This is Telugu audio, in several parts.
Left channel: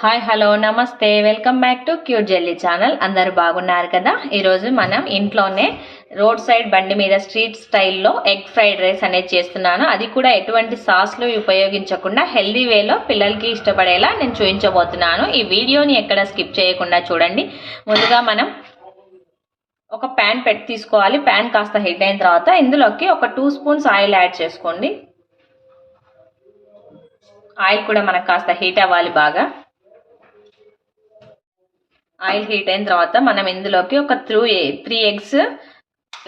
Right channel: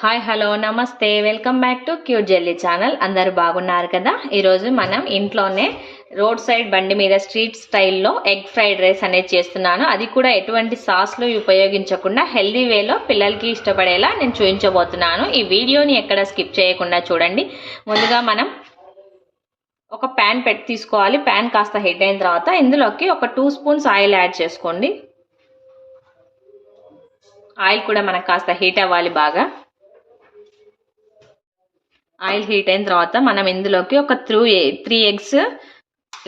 హాయ్ హలో నమస్తే welcome back to cute jelly channel. అందరూ బాగున్నారు కదా. ఈరోజు మనం ఇంట్లోనే రోడ్ సైడ్ బండి మీద స్ట్రీట్ స్టైల్లో ఎగ్ ఫ్రైడ్ రైస్ అనేది చేస్తున్నాను. అది కూడా ఎటువంటి సాస్లు ఉపయోగించకుండా హెల్దీ వేలో పిల్లలకి ఇష్టపడేలా నేను చూపించబోతున్నాను. ఈ వీడియోని ఎక్కడ స్కిప్ చేయకుండా చూడండి. ముందుగా మనం ఒక ప్యాన్ తీసుకోవాలి. ప్యాన్ కాస్త హీట్ అయిన తర్వాత ఇందులోకి ఒక 2 స్పూన్స్ ఆయిల్ యాడ్ చేసుకోండి. ఆయిల్ కూడా మనకు కాస్త హీట్ అవ్వాలి బాగా. ఆయిల్ హీట్ అయిన తర్వాత మనం ఇందులోకి ఒక 3 ఎగ్స్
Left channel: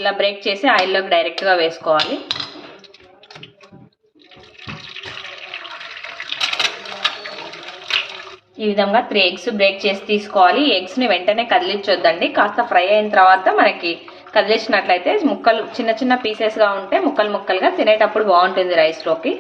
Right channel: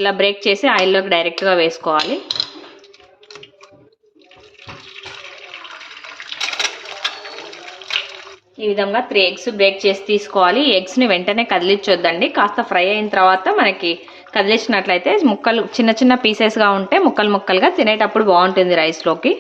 ఇలా బ్రేక్ చేసి ఆయిల్లోకి డైరెక్ట్గా వేసుకోవాలి. ఈ విధంగా 3 ఎగ్స్ బ్రేక్ చేసి తీసుకోవాలి. ఈ ఎగ్స్ని వెంటనే కదిలించొద్దండి. కాస్త ఫ్రై అయిన తర్వాత మనకి కదిలించినట్లయితే ముక్కలు చిన్న చిన్న పీసెస్గా ఉంటే ముక్కలు ముక్కలుగా తినేటప్పుడు బాగుంటుంది రైస్లోకి.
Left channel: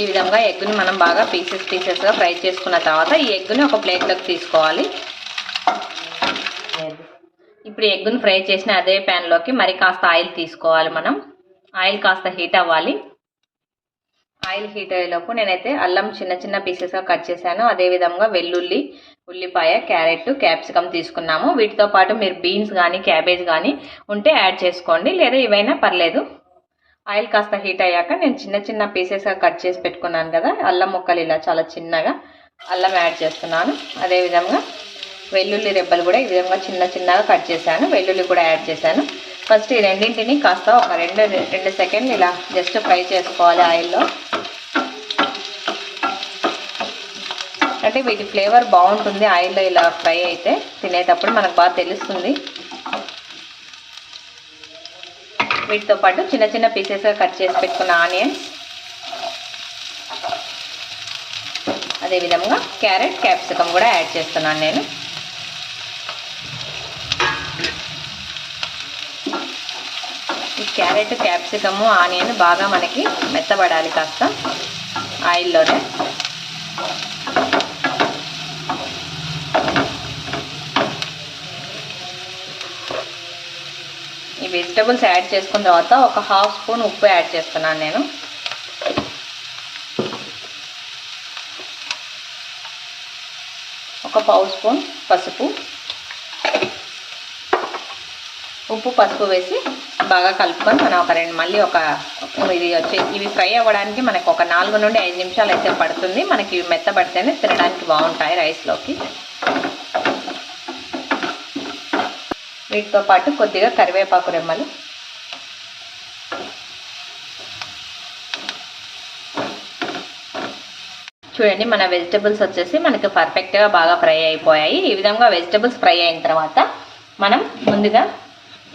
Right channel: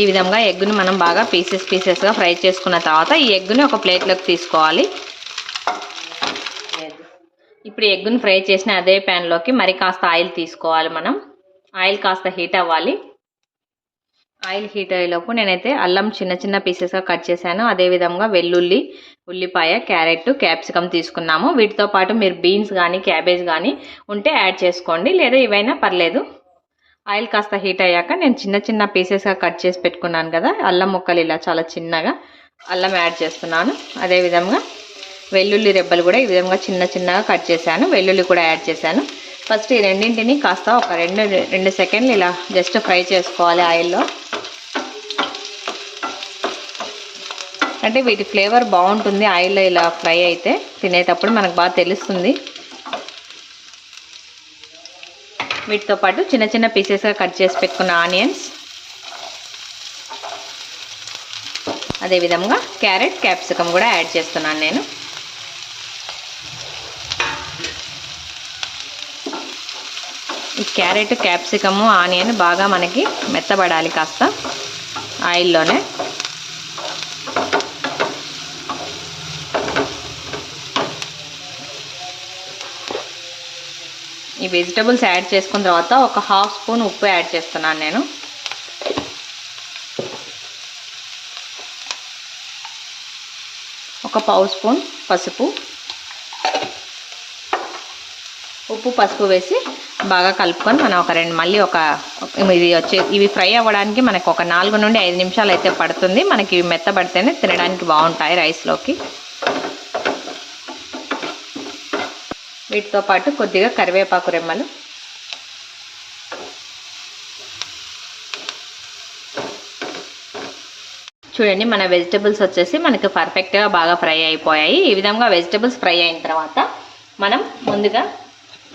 ఈ విధంగా ఎగ్గుని మనం బాగా పీసెస్గా ఫ్రై చేసుకున్న తర్వాత ఈ ఎగ్గుని ఒక ప్లేట్లోకి తీసుకోవాలి. ఇప్పుడు ఎగ్గుని ఫ్రై చేసిన అదే ప్యాన్లోకి మరి కాస్త ఆయిల్ తీసుకోవాలి. మనం ఆయిల్ కాస్త హీట్ అవ్వాలి. ఆయిల్ హీట్ అయ్యేలోపు నేనైతే అల్లం చిన్న చిన్న పీసెస్గా కట్ చేశాను. అదేవిధంగా వెల్లుల్లి, ఉల్లిపాయ, క్యారెట్, క్యాప్సికమ్ తీసుకున్నాము. వీటితో పాటు మీరు బీన్స్ కానీ క్యాబేజ్ కానీ ఉంటే యాడ్ చేసుకోండి, లేదా ఇవైనా పర్లేదు. ఆయిల్ కాస్త హీట్ అయ్యాక నేను చిన్న చిన్న పీసెస్గా కట్ చేసి పెట్టుకున్నాను కదా అల్లం ముక్కలు, ఇలా చాలా చిన్నగా అల్లం యాడ్ చేస్తున్నాను. అదేవిధంగా వెల్లుల్లి రెబ్బలు కూడా ఈ విధంగా చిన్న చిన్నగా కట్ చేశాను. వెల్లుల్లి కూడా యాడ్ చేశాను. ఫస్ట్ ఈ రెండింటిని కాస్త ఒక రెండు సెకండ్లు ఇలా జస్ట్ ఫ్రై చేసుకోవాలి ఆయిల్లో. అంటే వీటి ఫ్లేవర్ బాగుంటుంది ఆయిల్లో ఇలా ఫ్రై అయితే, తినేటప్పుడు మనకు బాగా తెలుస్తుంది. వీటితో పాటు చిన్న చిన్న పీసెస్గా కట్ చేసి పెట్టుకున్న ఆనియన్స్, అదేవిధంగా క్యారెట్, క్యాప్సికమ్ కూడా యాడ్ చేస్తున్నాను నేను. ఈ క్యారెట్, క్యాప్సికము, ఆనియన్ బాగా మనకి మెత్తబడాలి కాస్త ఆయిల్లోనే. ఈ వెజిటబుల్స్ యాడ్ చేసుకున్న తర్వాత ఒక 1/2 స్పూన్ ఉప్పు యాడ్ చేస్తున్నాను నేను. ఒక 1/2 స్పూన్ పసుపు, ఉప్పు పసుపు వేసి బాగా కలుపుకొని మనం ఇవి ఫ్రై అవ్వడానికి మనకు ఒక 4 నుండి 5 నిమిషాలు అయితే పడుతుంది. మనకి ఇవి మెత్తబడితేనే తినడానికి బాగుంటాయి రైస్లోకి. వీటితో పాటు కొద్దిగా కరివేపాకు రెమ్మలు, చూడండి మన వెజిటబుల్స్ వచ్చేసి మనకి పర్ఫెక్ట్గా బాగా ఫ్రై అయిపోయాయి. ఈ విధంగా వెజిటబుల్స్ ఫ్రై అయిన తర్వాత మనం ముందుగా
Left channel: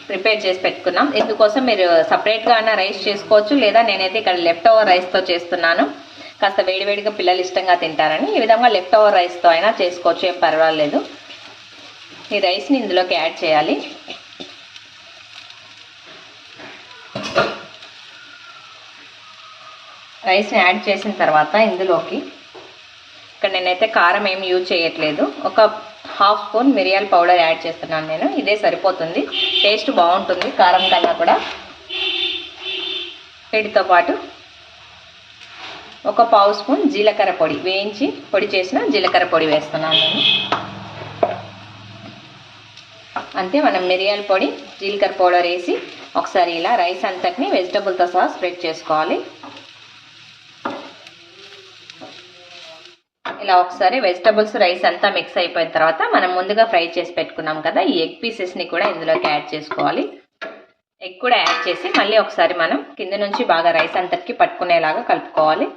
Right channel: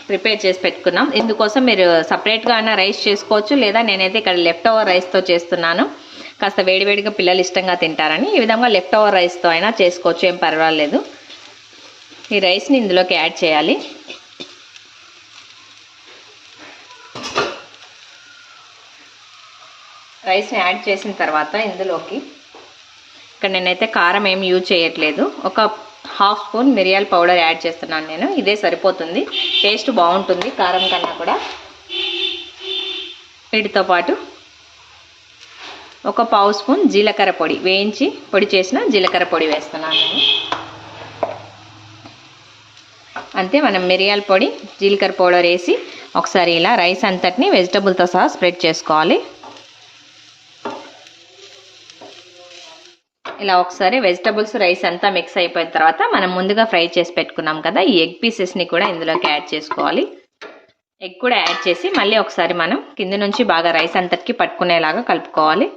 ప్రిపేర్ చేసి పెట్టుకున్నాం. ఇందుకోసం మీరు సపరేట్గా అయినా రైస్ చేసుకోవచ్చు, లేదా నేనైతే ఇక్కడ లెఫ్ట్ ఓవర్ రైస్తో చేస్తున్నాను. కాస్త వేడివేడిగా పిల్లలు ఇష్టంగా తింటారని ఈ విధంగా లెఫ్ట్ ఓవర్ రైస్తో అయినా చేసుకోవచ్చు, ఏం పర్వాలేదు. ఈ రైస్ని ఇందులోకి యాడ్ చేయాలి. రైస్ని యాడ్ చేసిన తర్వాత ఇందులోకి ఇక్కడ నేనైతే కారం ఏమి యూజ్ చేయట్లేదు. ఒక 1/2 స్పూన్ మిరియాల పౌడర్ యాడ్ చేస్తున్నాను నేను. ఇదే సరిపోతుంది, టేస్ట్ బాగుంటుంది కారం కన్నా కూడా. వీటితో పాటు ఒక 1/2 స్పూన్ జీలకర్ర పొడి, వేయించి పొడి చేసిన జీలకర్ర పొడి వేస్తున్నాను నేను. అంతే, మనం మిరియాల పొడి, జీలకర్ర పౌడర్ వేసి ఒకసారి ఇలా రైస్ అంతటిని వెజిటబుల్తో సహా స్ప్రెడ్ చేసుకోవాలి. ఇలా ఒకసారి వెజిటబుల్స్ రైస్ అంతా మిక్స్ అయిపోయిన తర్వాత మనం ముందుగా ఫ్రై చేసి పెట్టుకున్నాం కదా ఈ ఎగ్ పీసెస్ని కూడా ఇందులోకి యాడ్ చేసుకోవాలి. ఎగ్ కూడా యాడ్ చేసి మళ్ళీ ఒకసారి మనం కింద నుంచి బాగా రైస్ అంతటికి పట్టుకునేలాగా కలుపుకోవాలి.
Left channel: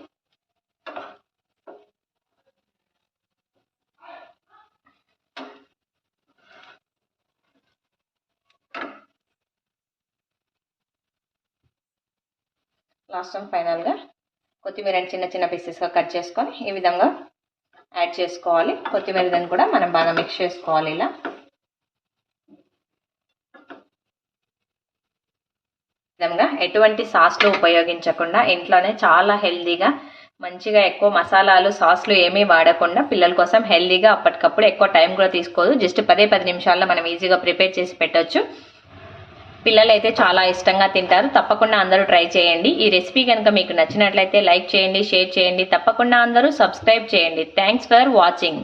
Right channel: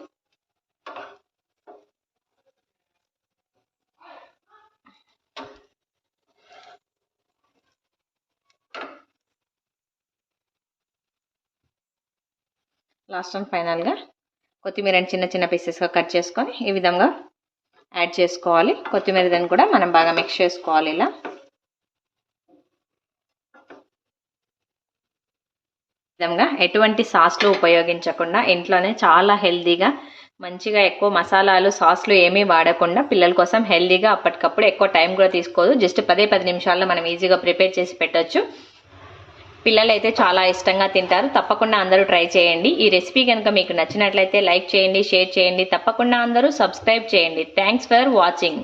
లాస్ట్ అండ్ ఫైనల్గా కొత్తిమీరని చిన్న చిన్న పీసెస్గా కట్ చేసుకొని ఈ విధంగా యాడ్ చేసుకోవాలి. కొత్తిమీరని కూడా మనం బాగా మిక్స్ చేసుకోవాలి. ఇలా విధంగా ఎటువంటి సాస్లు ఉపయోగించకుండా ఇంట్లోనే చాలా హెల్తీగా మంచిగా ఎక్కువ మసాలాలు సాస్లు ఏమీ వాడకుండా పిల్లల కోసం హెల్తీగా అప్పటికప్పుడు ఎక్కువ టైం కూడా తీసుకోదు. జస్ట్ 10 నిమిషాల్లో మనం ఈజీగా ప్రిపేర్ చేసి పెట్టొచ్చు. పిల్లలు అయితే చాలా ఇష్టంగా తింటారు. తప్పకుండా అందరూ ట్రై చేయండి. ఈ రెసిపీ కనుక మీకు నచ్చినట్లయితే లైక్ చేయండి, షేర్ చేయండి. తప్పకుండా అందరూ సబ్స్క్రైబ్ చేయండి. Thanks for watching.